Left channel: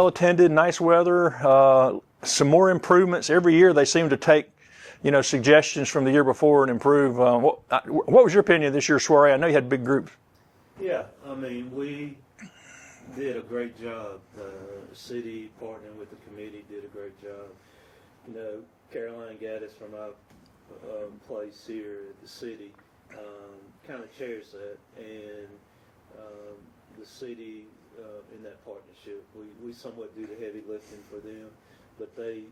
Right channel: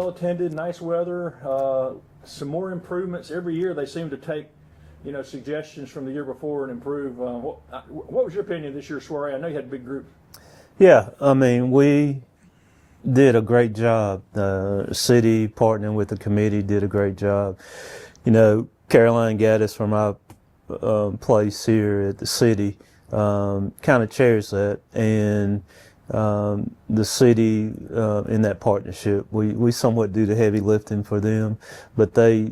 well attended, nice weather, some more improvements. Every year they seem to take, suggestions from the year before and improve. What was your opinion of this year's soiree? I know you had big groups. Yeah, I mean, we did a great job. The city partnering with the committee did a great job. Caroline Gaddis from our place here at the city kind of chairs that, and the city in that partnership, we somewhat do the heavy lifting for them, but they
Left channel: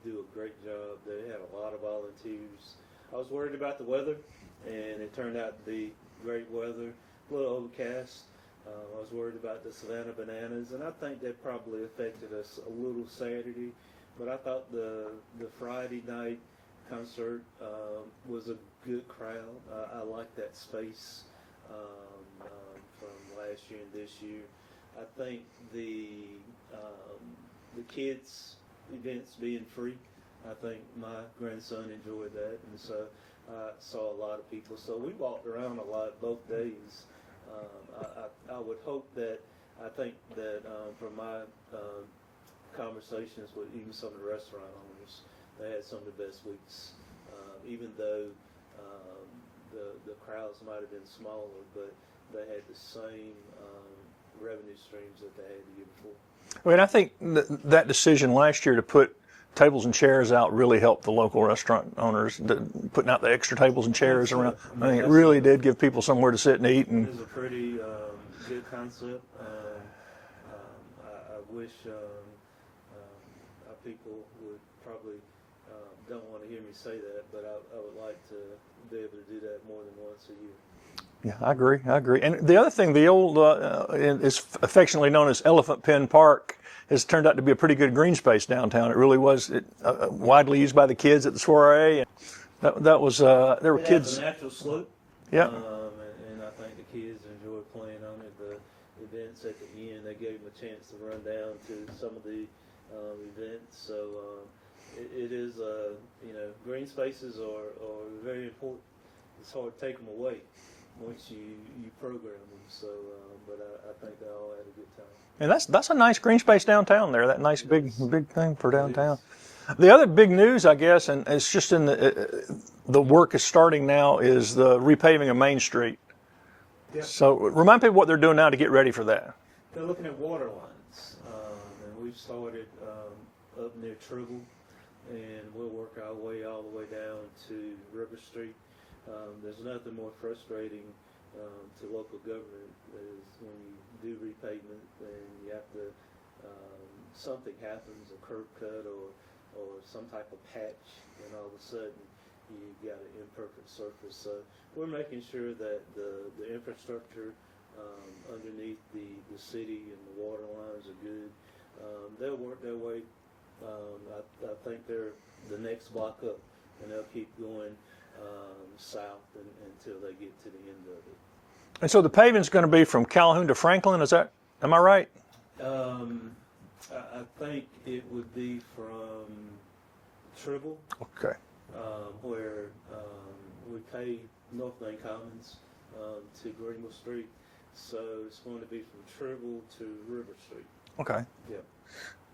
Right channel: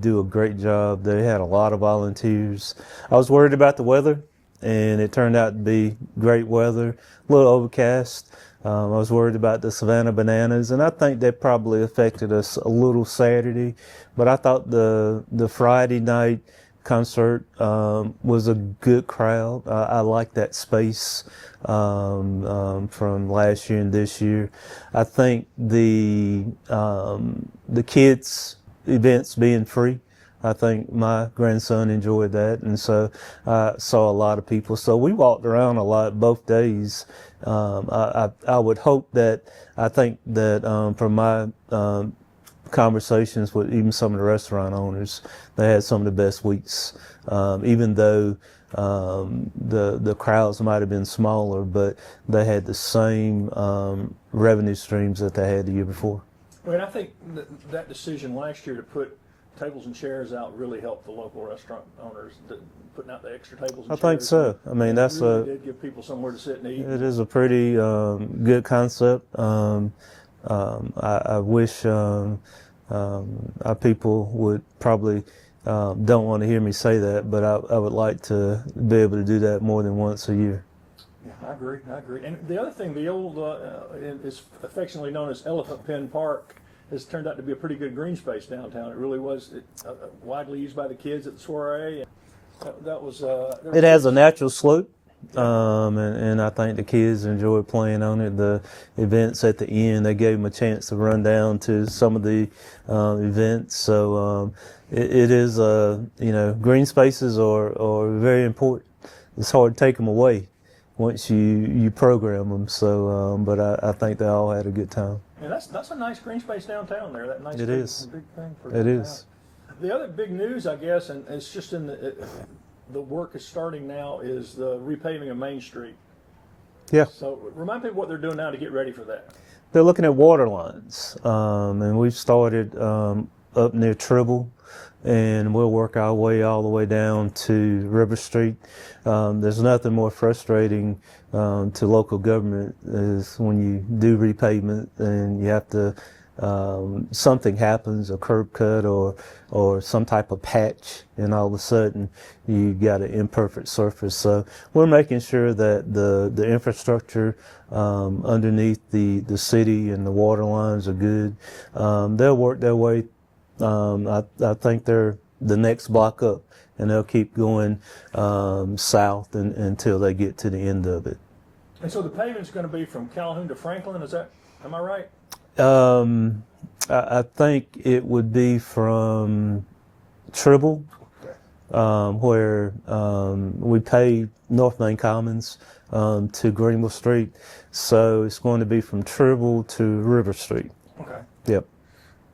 do a great job. They had a lot of volunteers. I was worried about the weather, and it turned out to be great weather, a little overcast. I was worried about the Savannah Bananas, and I think that probably affected us a little Saturday, but I thought the Friday night concert was a good crowd. I like that space from last year and this year. I think the kids' events being free, I think my grandson enjoyed that, and so I saw a lot of people. So we walked around a lot both days. I would hope that, I think that from my conversations with even some of the restaurant owners, they had some of the best weeks, even though the crowds might have been smaller, but they had the same revenue streams that they had the year before. I mean, I think that decision last year to put tables and chairs out really helped the local restaurant owners, putting out the extra tables and chairs. So. I mean, it really did give people somewhere to sit and eat. It is a pretty good concept. I wish our people would probably don't want to hear me say that, but I would like to be able to do that more than once a year. Yeah, I agree. And the other thing, the old is affectionately known as Elephant Pen Park, has turned out to be a pretty good green space downtown. It really was widely used by the kids at the soiree. That was. It has a natural slope. Yeah. And I think the kids enjoyed playing on it. The events at the end, they gave them a chance to run down to some of the events. So it is, green spaces are very important. It's hard to take them away once you program them. So, but I think they all had a good time. And that's a nice green space downtown there. That nice big thing for downtown. It is. The other big news, I guess, and it's just in the work is starting now, is the repaving of Main Street. Yeah. So remind people what they're doing now to get ready for that. They're looking at water lines, and we've started up near Tribble, and we'll work our way all the way down to River Street. There's nothing more frustrating to local government is when you do repavement and you have to, something happens, a curb cut or some type of patch, and all of a sudden you got an imperfect surface. So we're making sure that the infrastructure underneath the city and the water lines are good. They'll work their way. I think they're the next block up, and they'll keep going south until they get to the end of it. And so the paving is going to be from Calhoun to Franklin. Am I right? I think it would be from Tribble, okay, where we paved North Main Commons to Greenville Street. So it's going to be from Tribble to River Street. Okay. Yep.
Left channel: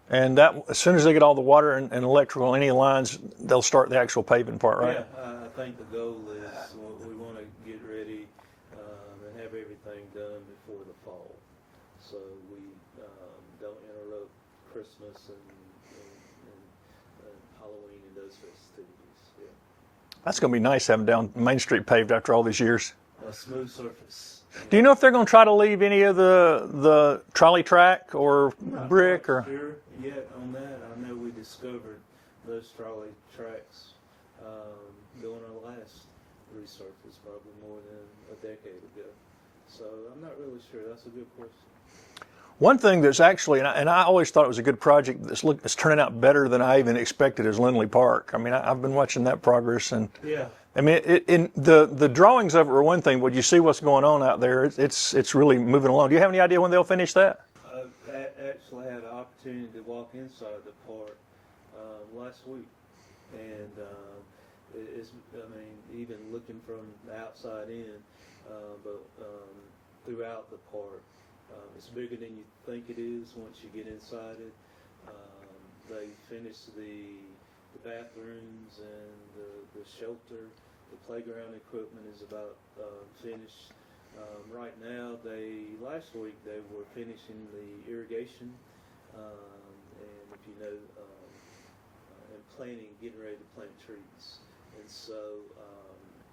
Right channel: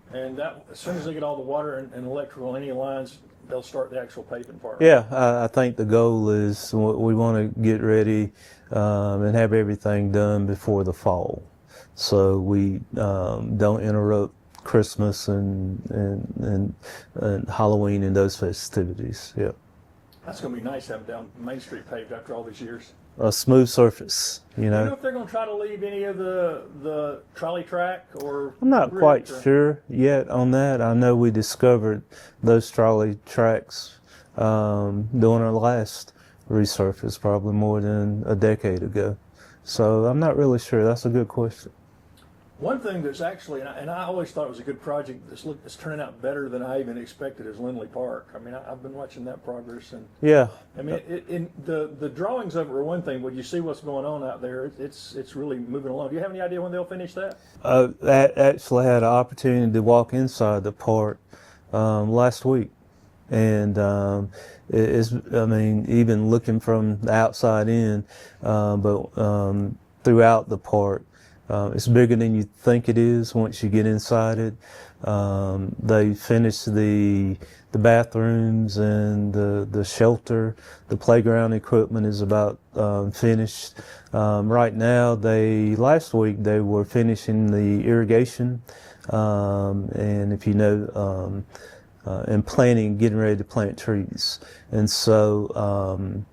And that, as soon as they get all the water and electrical, any lines, they'll start the actual paving part, right? Yeah, I think the goal is we want to get ready and have everything done before the fall, so we don't interrupt Christmas and Halloween and those festivities. Yeah. That's going to be nice having down Main Street paved after all these years. A smooth surface. Do you know if they're going to try to leave any of the trolley track or I'm not brick quite sure yet on that. I know we discovered those trolley tracks during our last resurface, probably more than a decade ago. So I'm not really sure. That's a good question. One thing that's actually, and I always thought it was a good project that's turning out better than I even expected, is Lindley Park. I mean, I've been watching that progress, and yeah, I mean, in the drawings of it were one thing, but you see what's going on out there. It's really moving along. Do you have any idea when they'll finish that? I actually had an opportunity to walk inside the park last week, and I mean, even looking from the outside in, but throughout the park, It's bigger than you think it is once you get inside it. They finished the bathrooms and the shelter. The playground equipment is about finished. Right now, last week they were finishing the irrigation, and if you know, and getting ready to plant trees. And so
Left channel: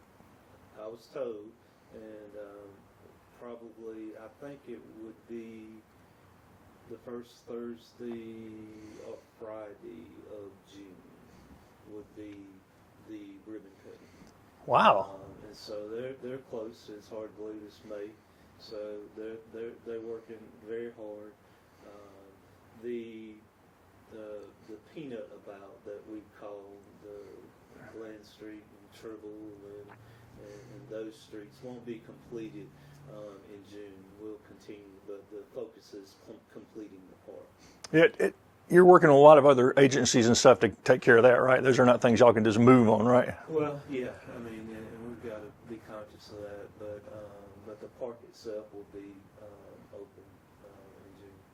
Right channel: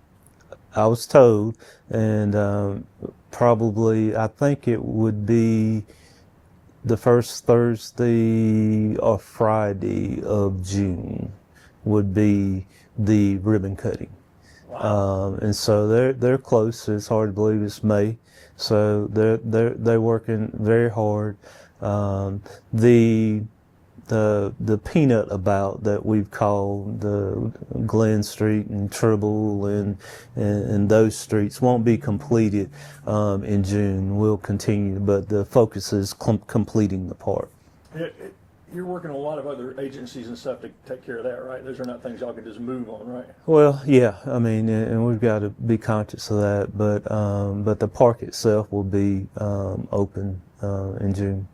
I was told, and probably I think it would be the first Thursday or Friday of June would be the ribbon cutting. Wow. And so they're close. It's hard to believe it's May. So they're working very hard. The peanut about that we've called the Glen Street and Tribble and those streets won't be completed in June. We'll continue, but the focus is completing the park. You're working with a lot of other agencies and stuff to take care of that, right? Those are not things y'all can just move on, right? Well, yeah, I mean, and we've got to be conscious of that, but the park itself will be open in June.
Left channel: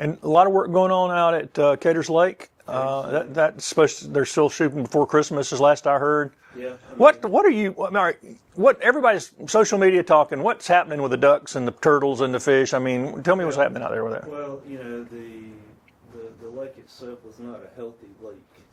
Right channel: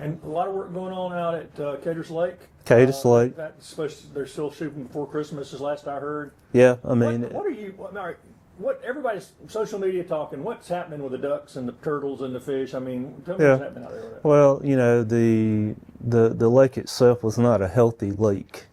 And a lot of work going on out at Caters Lake. Caters Lake. That's supposed to, they're still shooting before Christmas, is last I heard. Yeah, I mean, what are you? All right, what everybody's social media talking? What's happening with the ducks and the turtles and the fish? I mean, tell me what's happening out there with that. Well, you know, the lake itself was not a healthy lake.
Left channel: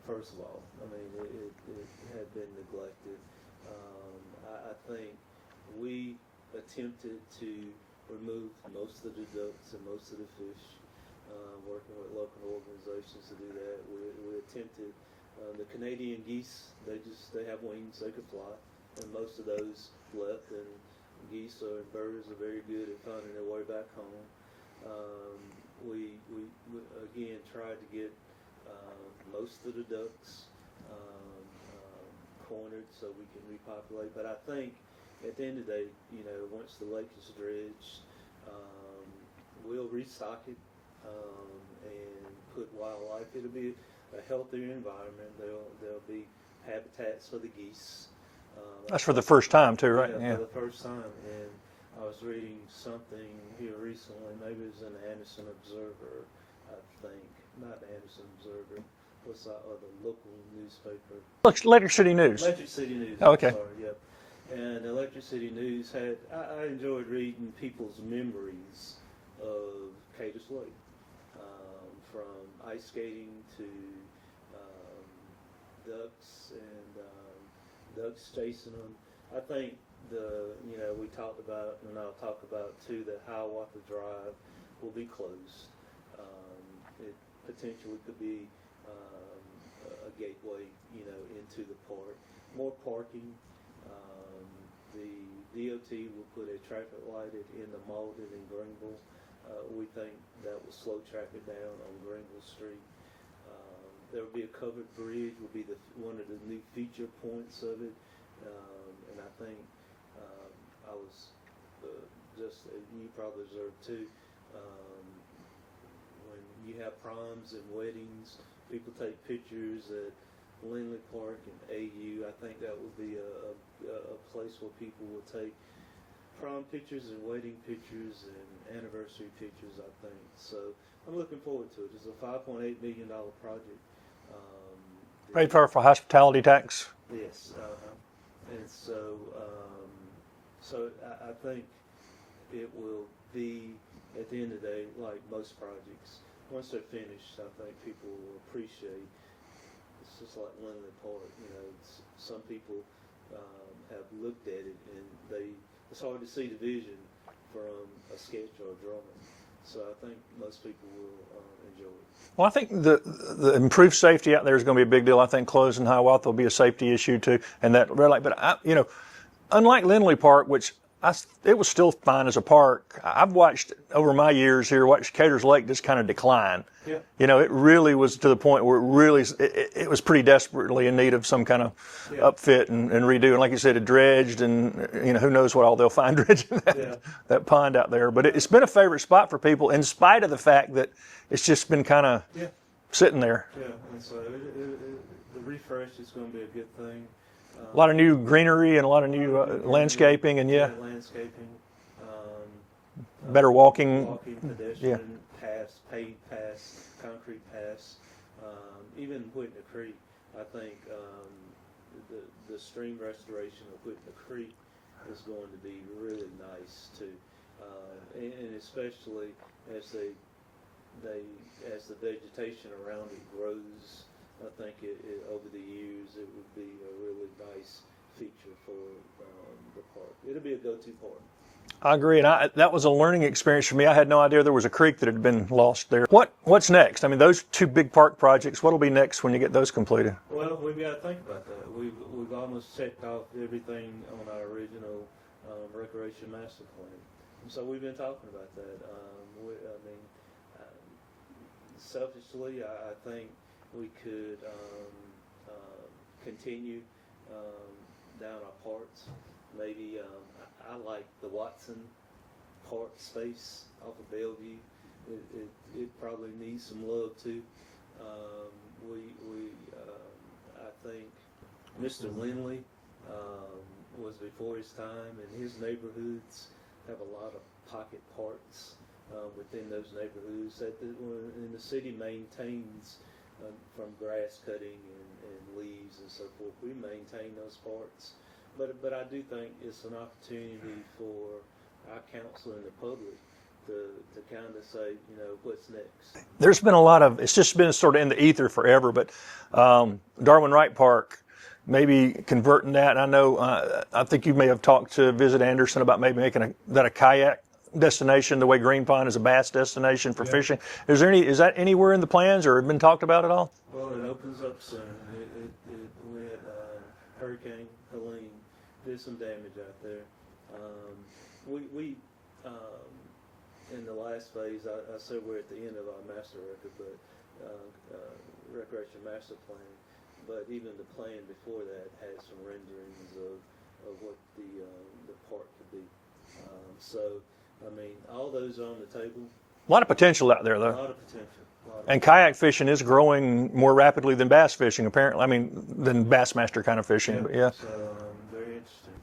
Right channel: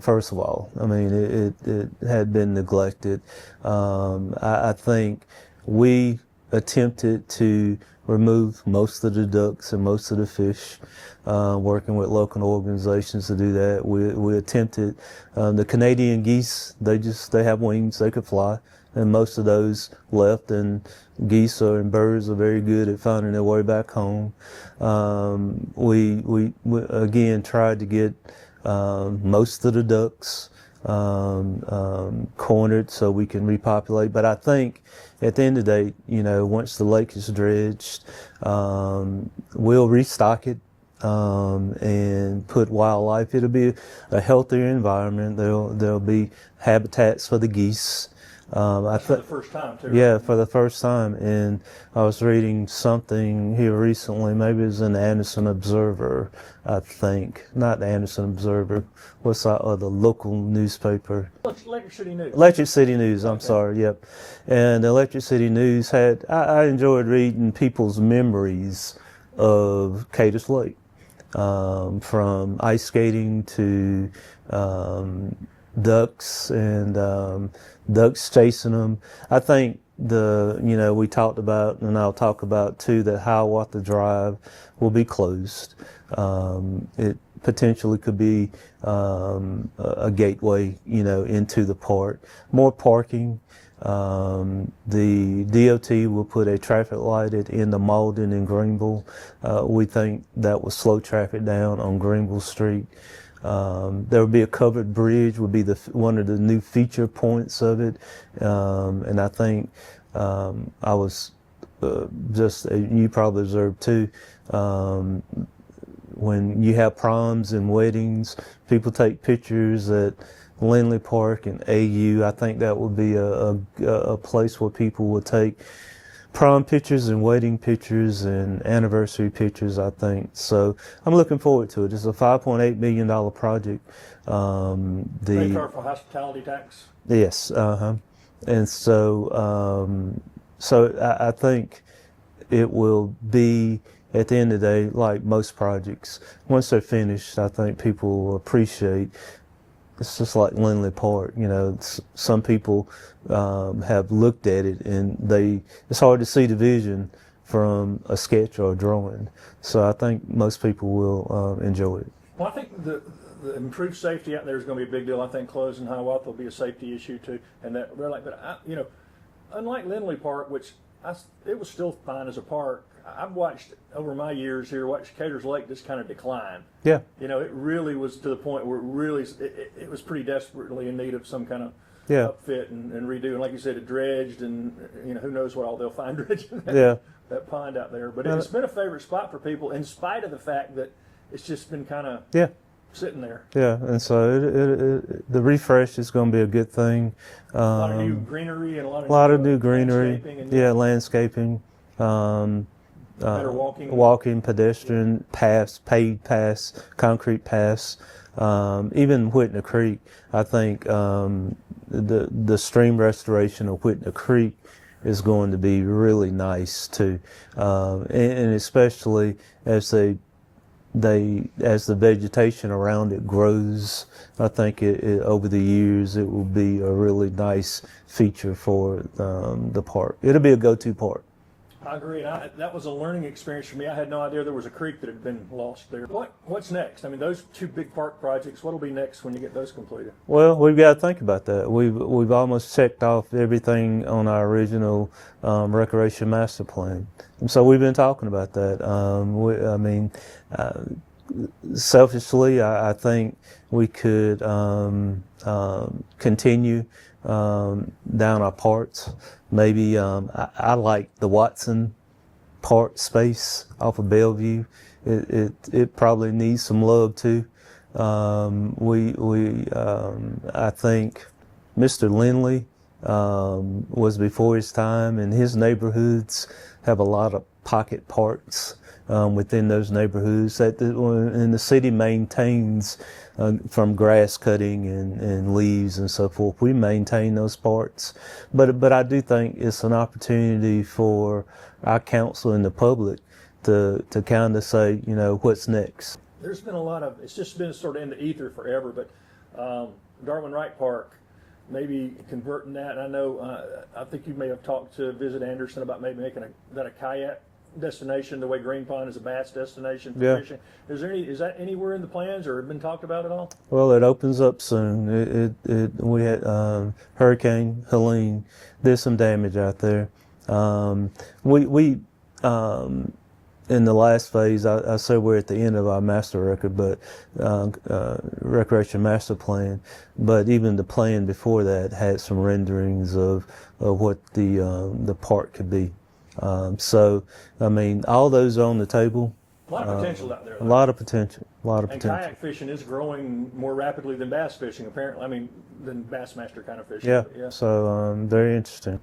First of all, I mean, it had been neglected. I think we attempted to remove most of the ducks and most of the fish, working with local organizations to do that. We attempted the Canadian geese. They have wings, they could fly, and most of those left. And geese and birds are very good at finding their way back home. We again tried to get most of the ducks cornered so we can repopulate. But I think at the end of the day, you know, once the lake is dredged, we'll restock it and put wildlife. It'll be a healthier environment. There'll be habitats for the geese. That's for the first time too, right? Yeah, for the first time. And I was reading something here recently, maybe it was in the Anderson Observer, I think. Not the Anderson Observer. What's that other local newspaper? Electric City News. Electric City News, I'm Okay. sorry, yep. And Electric City News had, I enjoyed reading people's memories of Caters Lake, from ice skating to ducks and ducks chasing them. I think we talked about, and I'll talk about too, that Hiawatha Drive will be closed. It potentially could be a gateway, into the park. More parking. The DOT will put a traffic light at end of Malden and Greenville. We think that will slow traffic down on Greenville Street. There will be a covered bridge, would be one of the new feature points of it. And I think I was you probably observed too, when you have proms and weddings, people take pictures at Lindley Park and AU. I think that would be a place where people would take prom pictures and wedding pictures and anniversary pictures, I think. So I'm looking forward to it. It's a $5.8 million project. Paid for hospitality tax. Yes, and so I think it will be, at the end of the day, like most projects, once they're finished, I think people will appreciate. It's just like Lindley Park, some people have looked at it and it's hard to see the vision from a sketch or a drawing. So I think most people will enjoy it. Well, I think the improved safety out there is going to be a big deal. I think closing Hiawatha will be a safety issue too, and that red light. But unlike Lindley Park, which it was still fine as a park. I've watched over my years here, watched Caters Lake just kind of decline. Yeah. It really was to the point where it was pretty desperately in need of some kind of upfit and redo. And like you said, it dredged, and who knows what all they'll find dredging that pond out there. But it's been a favorite spot for people, in spite of the fact that it's just been kind of sitting there. Yeah, and so the refresh is going to be a good thing. A lot of new greenery and a lot of new greenery, landscaping and landscaping. better walking, pedestrian paths, paved paths, concrete paths, even Whitney Creek. I think the stream restoration of Whitney Creek is going to be really nice too, and especially as as the vegetation around it grows. I think over the years it will be a really nice feature for the park. It'll be a go-to park. I agree, and that was a learning experience for me. I had no idea there was a creek that had been lost there. What's next? I mean, those two big park projects, what'll be next when you get those completed? Well, we've got to think about that. We've almost checked off everything on our original recreation master plan, and so we've been talking about that. Selfishly, I think we could continue down our parts. Maybe I like the Watson Park space off of Bellevue. It probably needs some love too. I think Mr. Lindley was before his time, and his neighborhoods have a lot of pocket parks within those neighborhoods and the city maintains from grass cutting and leaves and so forth. We maintain those parks, but I do think it's an opportunity for our council and the public to kind of say, what's next. There's been it's just been sort of in the ether forever, but Darwin Wright Park, maybe converting that. And I know, I think you may have talked to Visit Anderson about maybe making that a kayak destination, the way Green Pond is a bass destination for fishing. Is that anywhere in the plans or been talked about at all? Well, it opens up soon. We had Hurricane Helene did some damage out there. We in the last phase, I say we're at the end of our master record, but recreation master plan. But even the plan before that had some renderings of what the park could be. So, I mean, all those are on the table. A lot of potential out there, though. A lot of potential. And kayak fishing is growing more rapidly than bass fishing, apparently. I mean, than Bassmaster kind of fishing. Yeah. So, very interesting.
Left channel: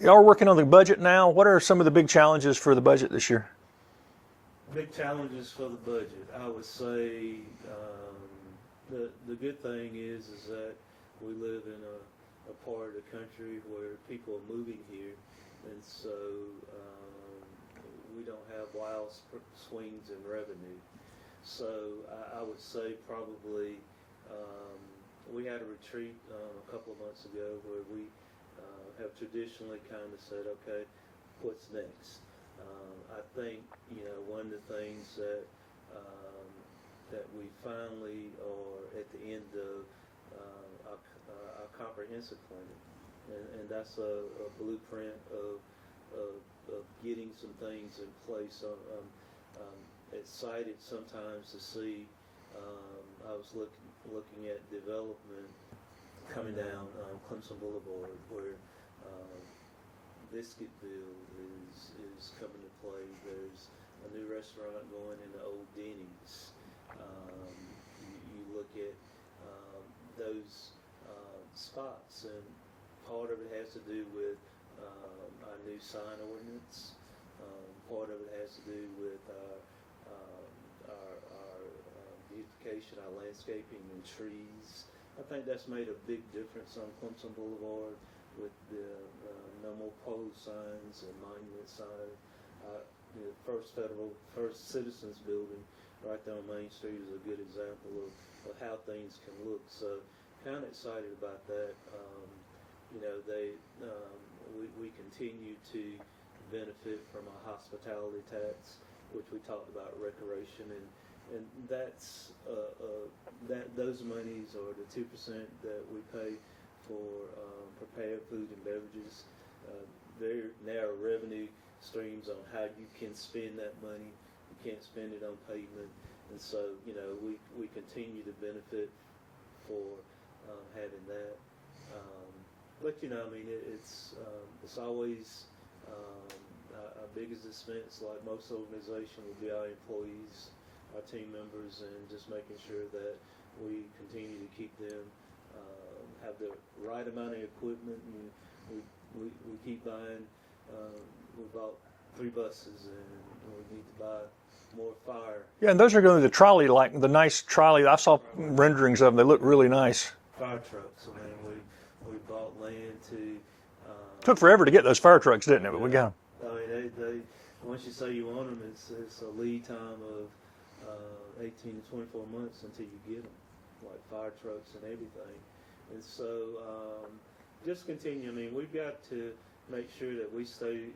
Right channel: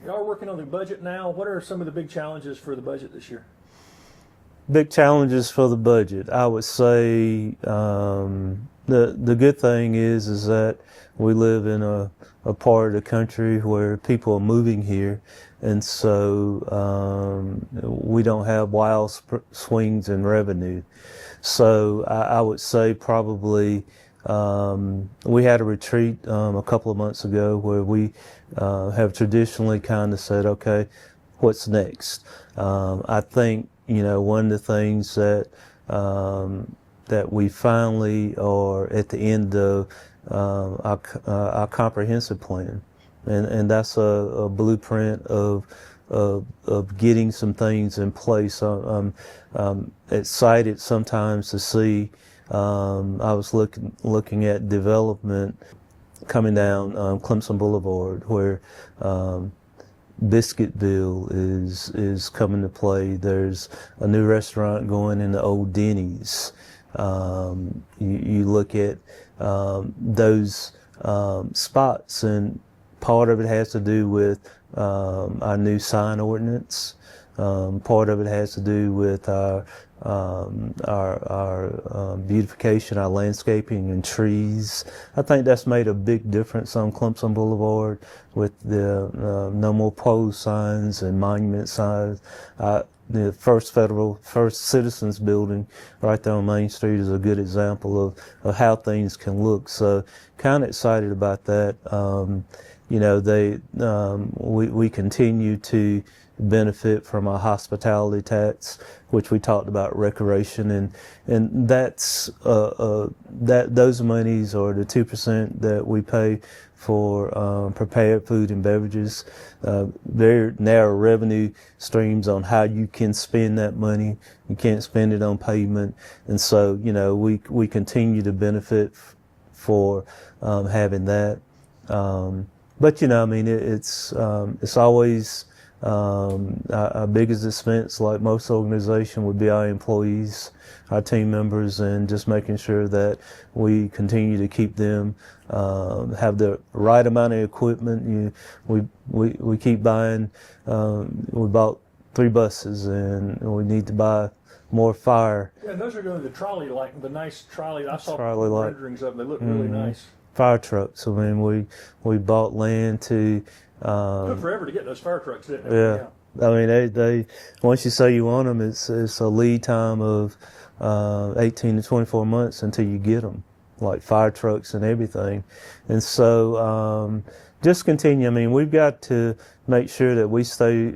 Y'all are working on the budget now. What are some of the big challenges for the budget this year? Big challenges for the budget. I would say the good thing is that we live in a part of the country where people are moving here. And so we don't have wild swings in revenue. So I would say probably we had a retreat a couple of months ago where we have traditionally kind of said, okay, what's next? I think, one of the things that we finally are at the end of our comprehensive plan. And that's a blueprint of getting some things in place. I'm excited sometimes to see. I was looking at development coming down Clemson Boulevard, where Biscuitville is coming to play. There's a new restaurant going in the old Denny's. You look at those spots, and part of it has to do with our new sign ordinance. Part of it has to do with our beautification, our landscaping and trees. I think that's made a big difference on Clemson Boulevard with the no more pole signs and monument signs. The First Citizens building right there on Main Street is a good example of how things can look. So kind of excited about that. We continue to benefit from our hospitality tax, which we talked about recreation, and that's those monies are the 2% that we pay for prepared food and beverages. Very narrow revenue streams on how you can spend that money. You can't spend it on pavement, and so we continue to benefit for having that. But it's always our biggest expense, like most organizations, would be our employees, our team members, and just making sure that we continue to keep them have the right amount of equipment. We keep buying. We bought 3 buses, and we need to buy more fire Yeah, and those are going to the trolley, like the nice trolley. I saw Trolley like- renderings of them. They look really nice. fire trucks. I mean, we bought land to. Took forever to get those fire trucks, didn't it? Yeah. I mean, they once you say you want them, it's a lead time of 18 to 24 months until you get them, like fire trucks and everything. And so just continue. I mean, we've got to make sure that we stay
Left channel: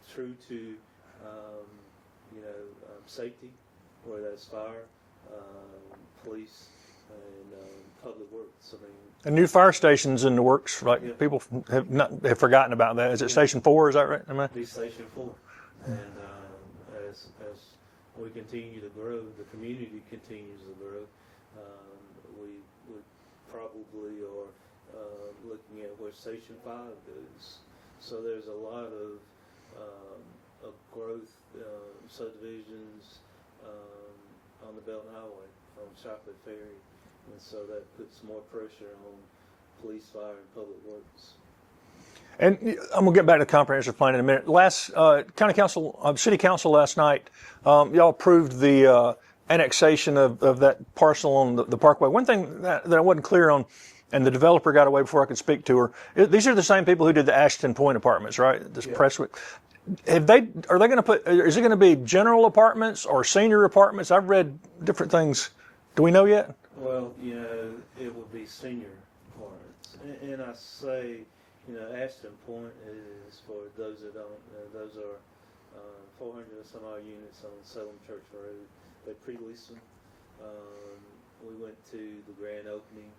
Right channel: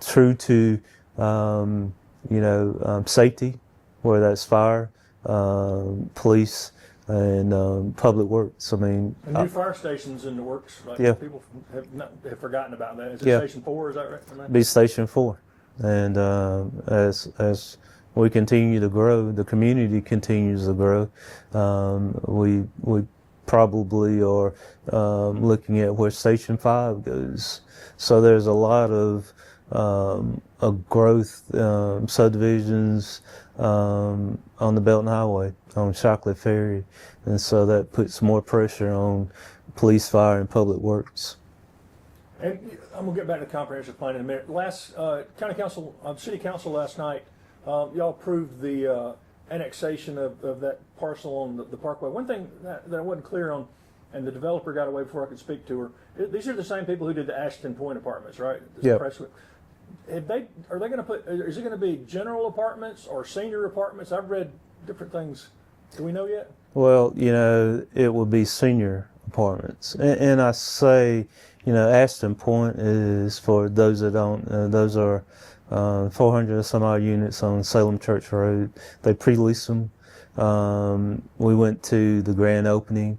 true to safety, whether that's fire, police, and public works. I mean, And new fire stations in the works. Like Yeah. people have forgotten about that. Is it Yeah. Station 4? Is that right? be Station 4. And as we continue to grow, the community continues to grow. We probably are looking at where Station 5 goes. So there's a lot of growth, subdivisions on the Belton Highway, on Chocolate Ferry, and so that puts more pressure on police, fire, and public works. And I'm gonna get back to the comprehensive plan in a minute. Last city council last night, y'all approved the annexation of that parcel on the Parkway. One thing that I wasn't clear on, and the developer got away before I could speak to her. These are the same people who did the Ashton Point apartments, right? This Yeah. Presswick. Are they going to put? Is it going to be general apartments or senior apartments? I've read different things. Do we know yet? Well, it will be senior apartments. And I say, Ashton Point is, for those that don't, those are 400 or some odd units on Salem Church Road. They pre-lease them. We went to the grand opening.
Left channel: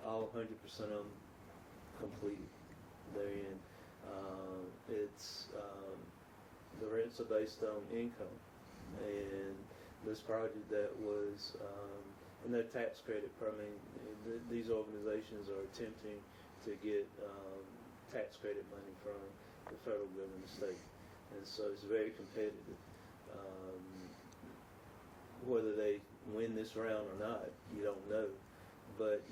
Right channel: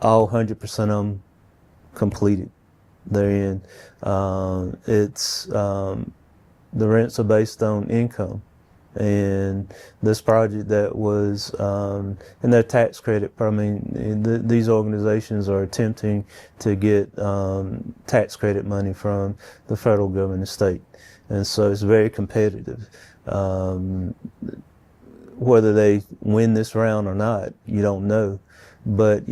All 100% of them completed. They're in. The rents are based on income. And this project that was, and their tax credit, these organizations are attempting to get tax credit money from the federal government and state. And so it's very competitive. Whether they win this round or not, you don't know. But,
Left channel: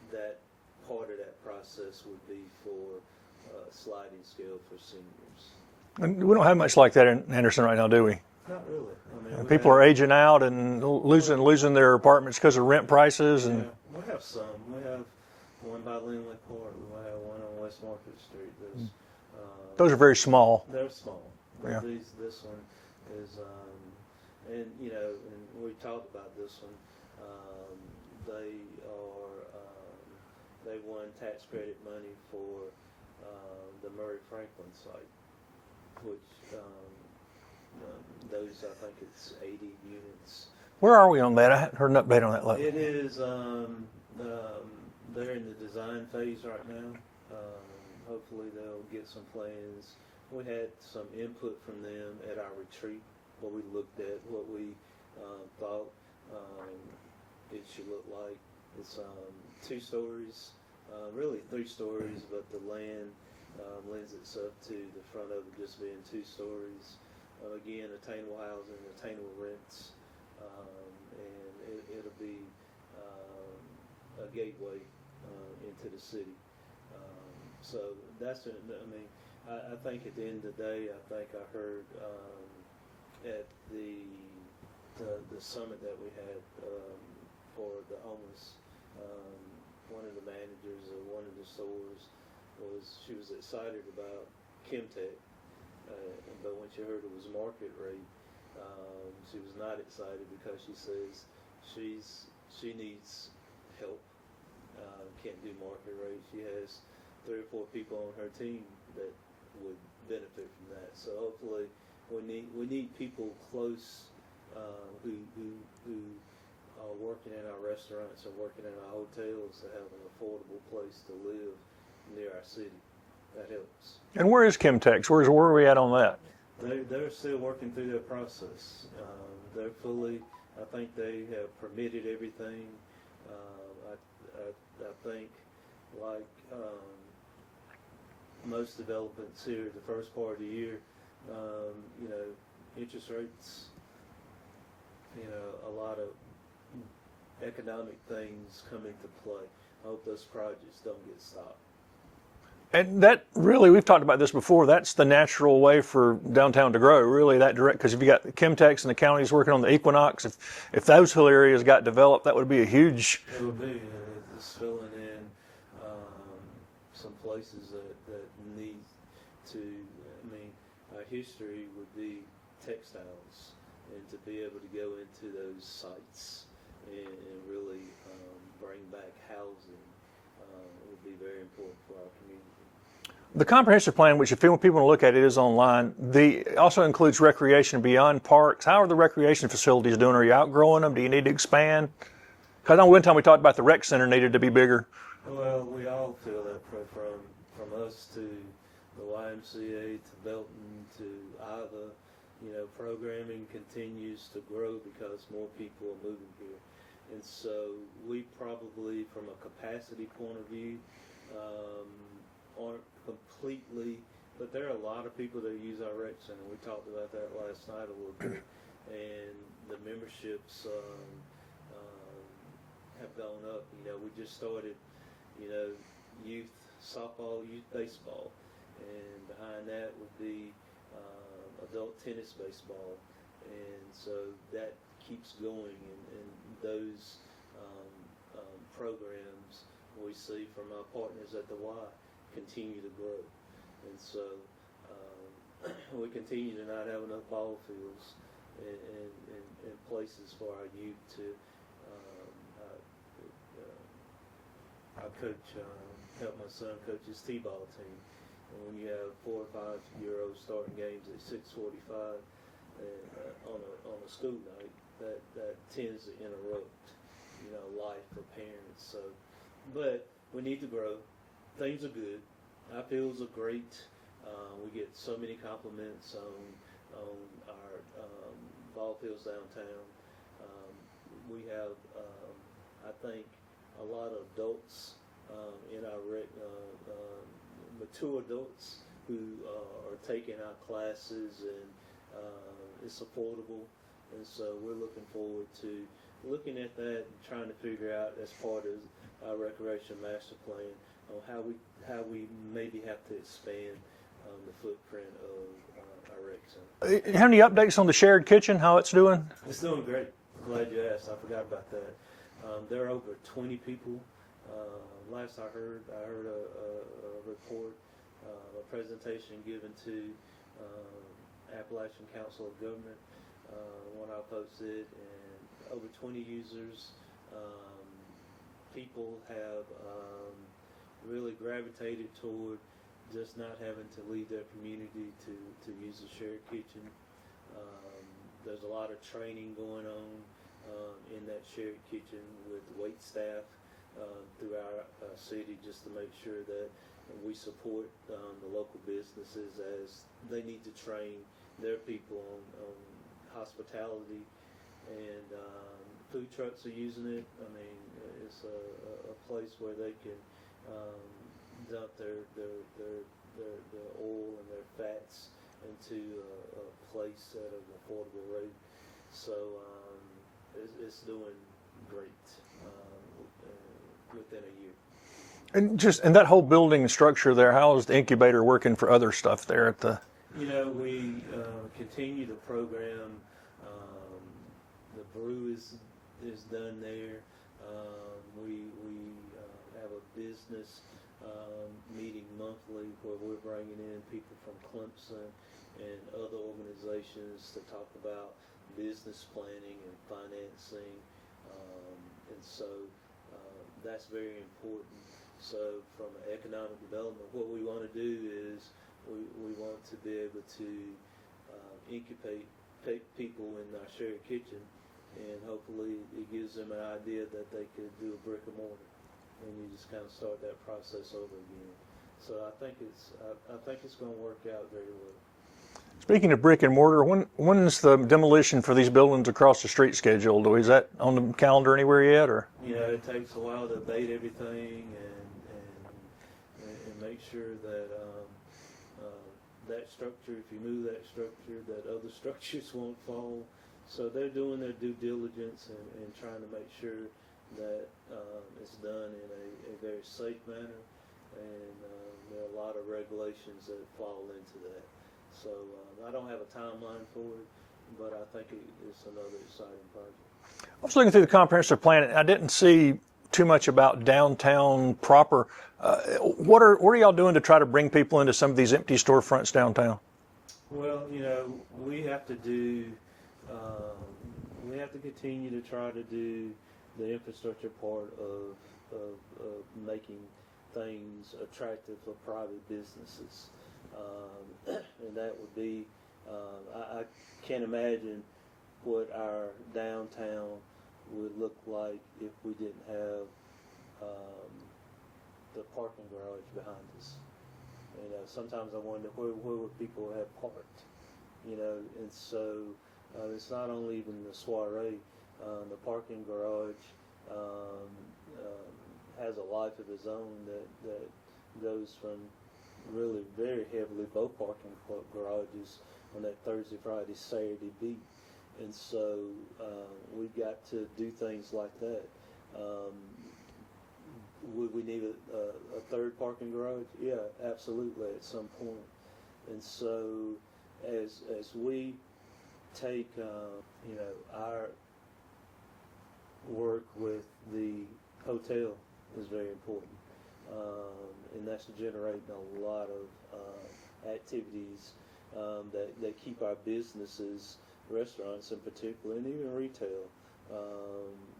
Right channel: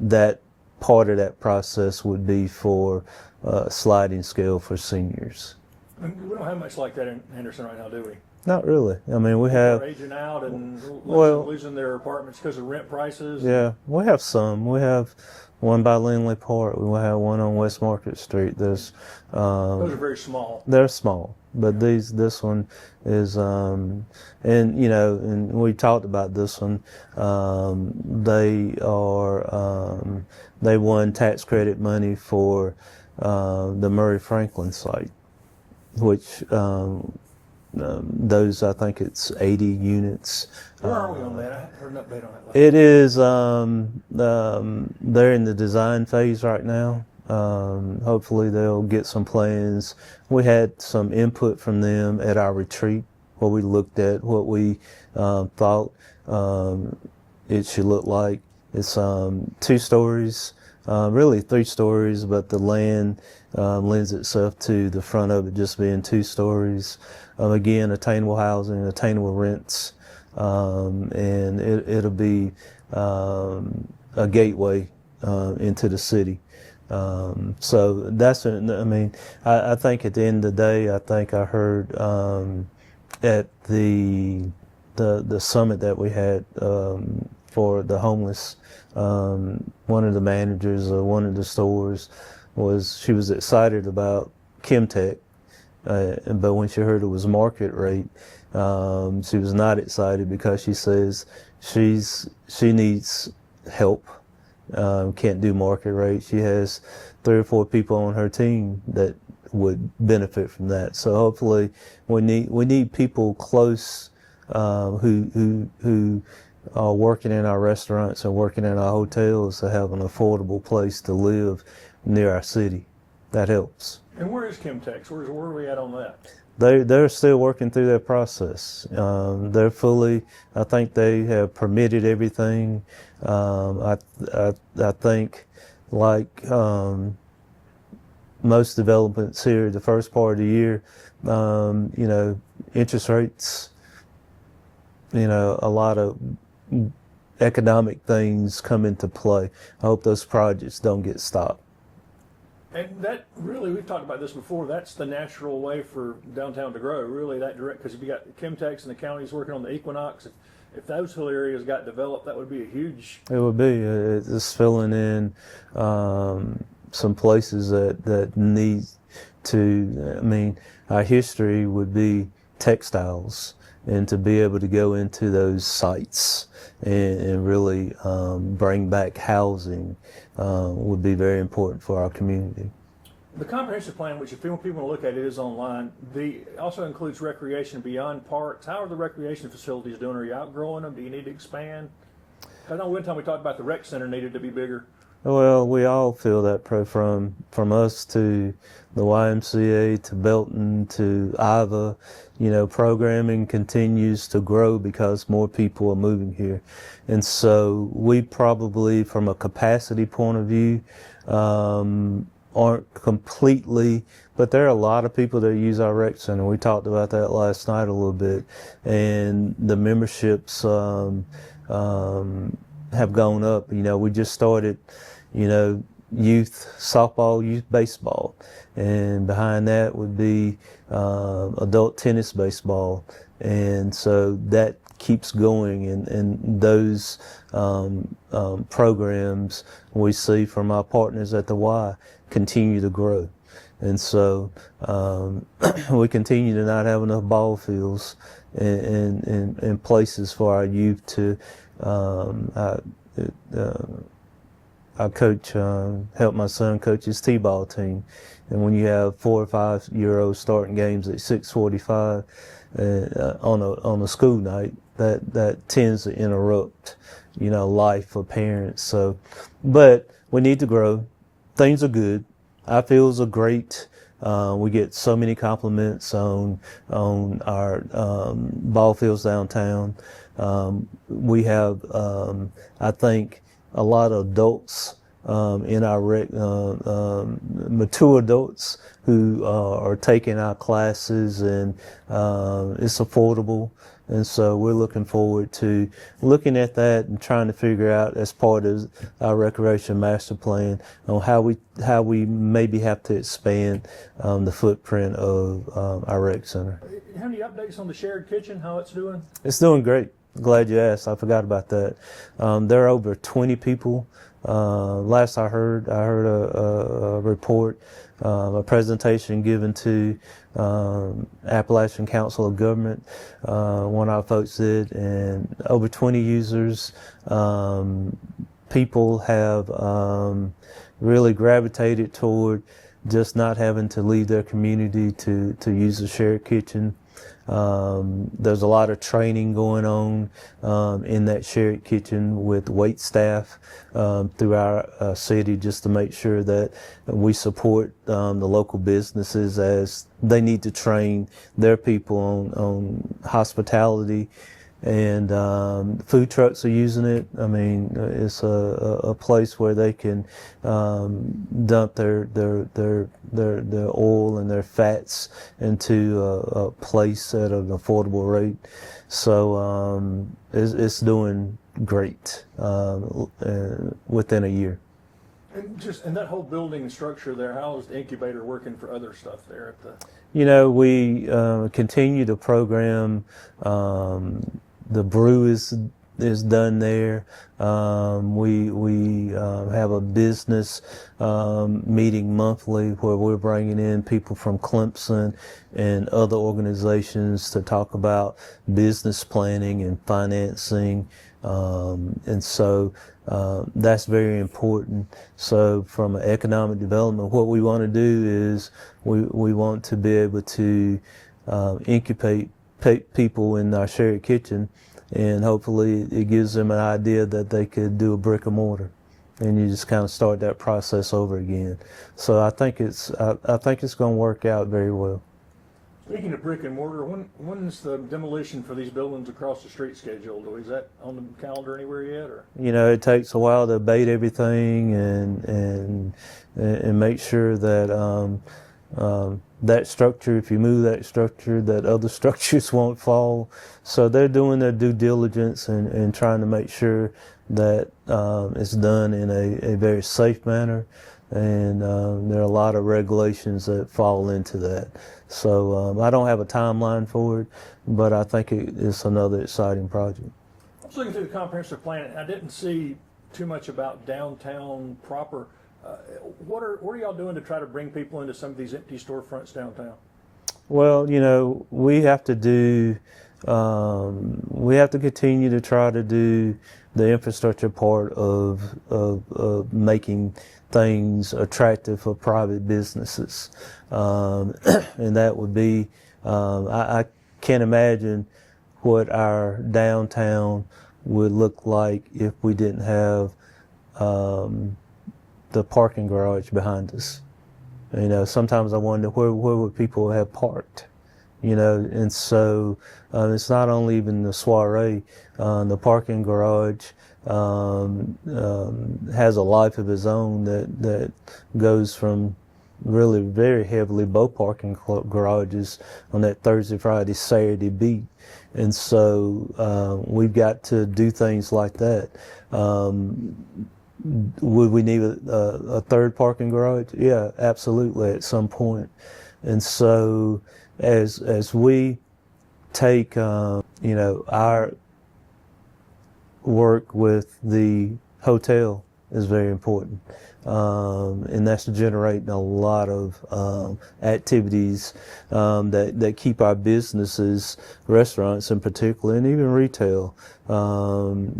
that part of that process would be for a sliding scale for seniors. And we don't have much like that in Henderson right now, do we? Not really. I mean, People are aging out and losing their apartments because of rent prices. Yeah, we have some. We have one by Lindley Park. We have one on West Market Street. Those are very small. They're small, but Yeah. this one is, and we talked about this one. They won tax credit money for the Murray Franklin site, which those, I think it's 80 units. Where are we on that? I hadn't heard an update on that lately. It is, they're in the design phase right now. Hopefully they'll get some plans. We had some input from them at our retreat where we looked at what we thought it should look like. It's 2 stories, really 3 stories, but the land lends itself to the front of it just being 2 stories. Again, attainable housing, attainable rents, and it'll be a gateway into the city. So that's, I think at the end of the day, I think I heard at the summit that we had for the homeless, one of the managers of one of the stores she was excited about Chemtech, but when she heard it was market rate, she was not excited because she says she needs help. Can't do market rate. She has 3 or 4 people on her team that would benefit from that. So hopefully we need people close who are working in our restaurants and working in our hotels to have an affordable place to live near our city. That helps. And where is Chemtex? Where are we at on that? They're still working through their process. They're fully, I think they have permitted everything. I think, like most developments here, the first part of the year, interest rates, a lot of economic things come into play. I hope those projects don't get stopped. And that really, we've talked about this before, that's the natural way for downtown to grow, really, that direct, because if you got Chemtex and the counties working on the Equinox, if those whole areas got developed, that would be a huge... It would be. It's filling in some places that need to, I mean, our history would be textiles, and to be able to go into those sites and really bring back housing would be very important for our community. The comprehensive plan, which if people want to look at it, is online. It also includes recreation beyond parks. How are the recreation facilities doing? Are you outgrowing them? Do you need to expand? Because I know one time we talked about the rec center needed to be bigger. Well, we all feel that from us to the YMCA to Belton to IVA, you know, programming continues to grow because more people are moving here. And so we probably, from a capacity point of view, aren't completely, but there are a lot of people that use our rec center. We talked about that last night a little bit. And the memberships have gone up. You know, we just started, you know, youth softball, youth baseball. And behind that would be adult tennis baseball. And so that keeps going, and those programs we see from our partners at the Y continue to grow. And so we continue to not have enough ball fields and places for our youth to I coach, help my son coach his T-ball team. And when you have 4 or 5 year olds starting games at 6:45 on a school night, that tends to interrupt, you know, life for parents. So, but we need to grow. Things are good. Our fields are great. We get so many compliments on our ball fields downtown. We have, I think, a lot of adults in our mature adults who are taking our classes, and it's affordable. And so we're looking forward to looking at that and trying to figure out, as part of our recreation master plan, on how we maybe have to expand the footprint of our rec center. Have any updates on the shared kitchen, how it's doing? It's doing great. Glad you asked. I forgot about that. There are over 20 people. Last I heard a report, a presentation given to Appalachian Council of Government. One of our folks did, and over 20 users. People have really gravitated toward just not having to leave their community to use the shared kitchen. There's a lot of training going on in that shared kitchen with wait staff through our city, just to make sure that we support the local businesses as they need to train their people on hospitality. And food trucks are using it. I mean, it's a place where they can dump their oil and their fats into a place at an affordable rate. So it's doing great within a year. And that whole building structure there, how is the incubator working for other stuff there at the? You know, we continue to program. The brew is done there. We have a business meeting monthly where we're bringing in people from Clemson and other organizations to talk about business planning and financing. And so that's very important. So from an economic development, what we want to do is we want to be able to incubate people in our shared kitchen, and hopefully it gives them an idea that they could do a brick and mortar, and you just kind of start that process over again. So I think it's going to work out very well. Speaking of brick and mortar, when's the demolition for these buildings across the street scheduled? Is that on the calendar anywhere yet, or? You know, it takes a while to abate everything and make sure that that structure, if you move that structure, that other structures won't fall. So they're doing their due diligence and trying to make sure that it's done in a very safe manner. and there are a lot of regulations that fall into that. So I don't have a timeline for it, but I think it's another exciting project. I was looking through the comprehensive plan, and I didn't see too much about downtown proper. What are y'all doing to try to bring people into some of these empty storefronts downtown? Well, we have to continue to try to do the infrastructure part of making things attractive for private businesses. And that would be, I can't imagine what our downtown would look like if we didn't have the parking garage behind us. Sometimes I wonder where would people have parked, and so it's not only even the Soiree, the parking garage has a life of its own that goes from really very heavily both parking garages on that Thursday, Friday, Saturday beat. And so we've got to do things like that. Would we need a third parking garage? Yeah, absolutely, at some point. And so as we take our work with the hotel is very important. And that's generating a lot of activities that keep our businesses, restaurants in particular, and even retail,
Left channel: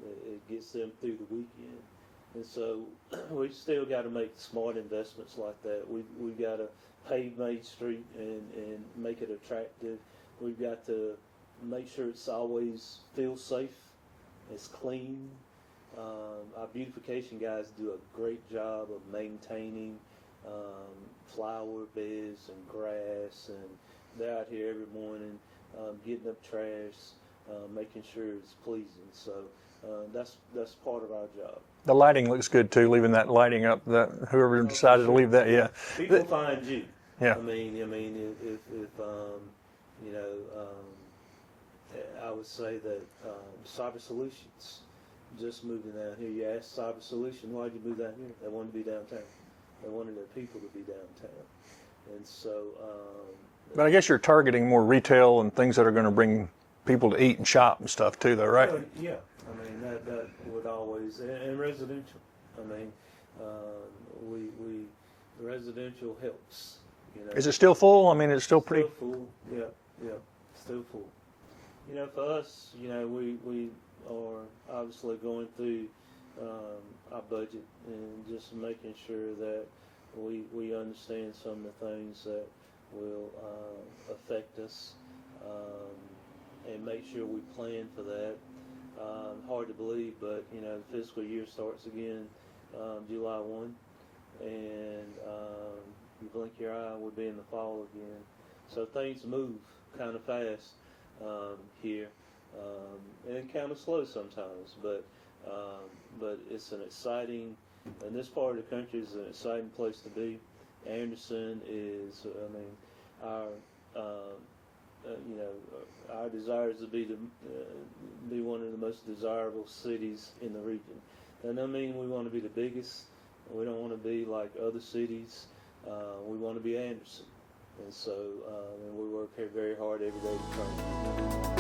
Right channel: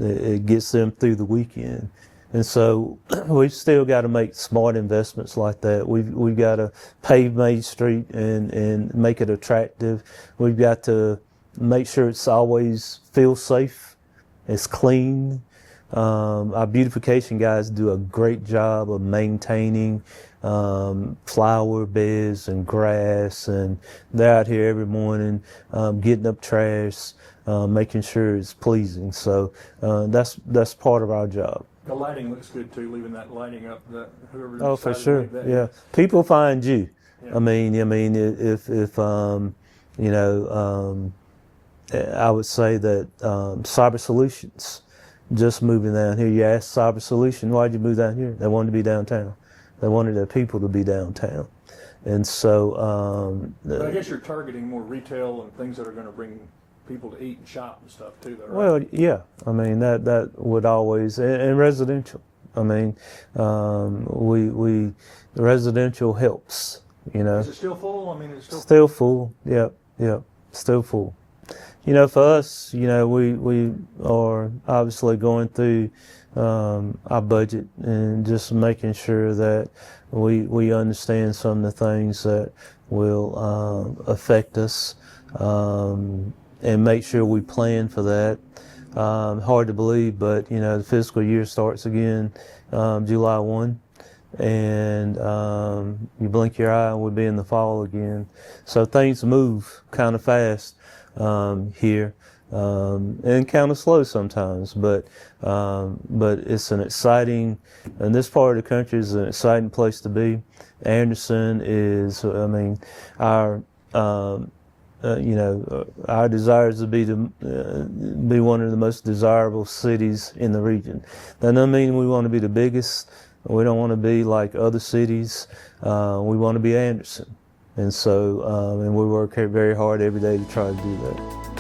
it gets them through the weekend. And so we've still got to make smart investments like that. We've got to pave Main Street and make it attractive. We've got to make sure it's always feels safe, it's clean. Our beautification guys do a great job of maintaining flower beds and grass, and they're out here every morning getting up trash, making sure it's pleasing. So that's part of our job. The lighting looks good too, leaving that lighting up. That whoever decided to leave that, yeah. People find you. Yeah. I mean, if I would say that Cyber Solutions, just moving down here. You ask Cyber Solution, why'd you move down here? They wanted to be downtown. They wanted their people to be downtown. And so... but I guess you're targeting more retail and things that are going to bring people to eat and shop and stuff too, though, right? Well, yeah. I mean, that would always... And residential. I mean, residential helps, Is it still full? I mean, it's still... Still full. Yep. Still full. For us, we are obviously going through our budget and just making sure that we understand some of the things that will affect us and make sure we plan for that. Hard to believe, but the fiscal year starts again July 1, and you blink your eye and we'll be in the fall again. So things move kind of fast here, and kind of slow sometimes, but it's an exciting, and this part of the country is an exciting place to be. Anderson is, our desire is to be one of the most desirable cities in the region. That doesn't mean we want to be the biggest. We don't want to be like other cities. We want to be Anderson. And so, and we work very hard every day to try to do that.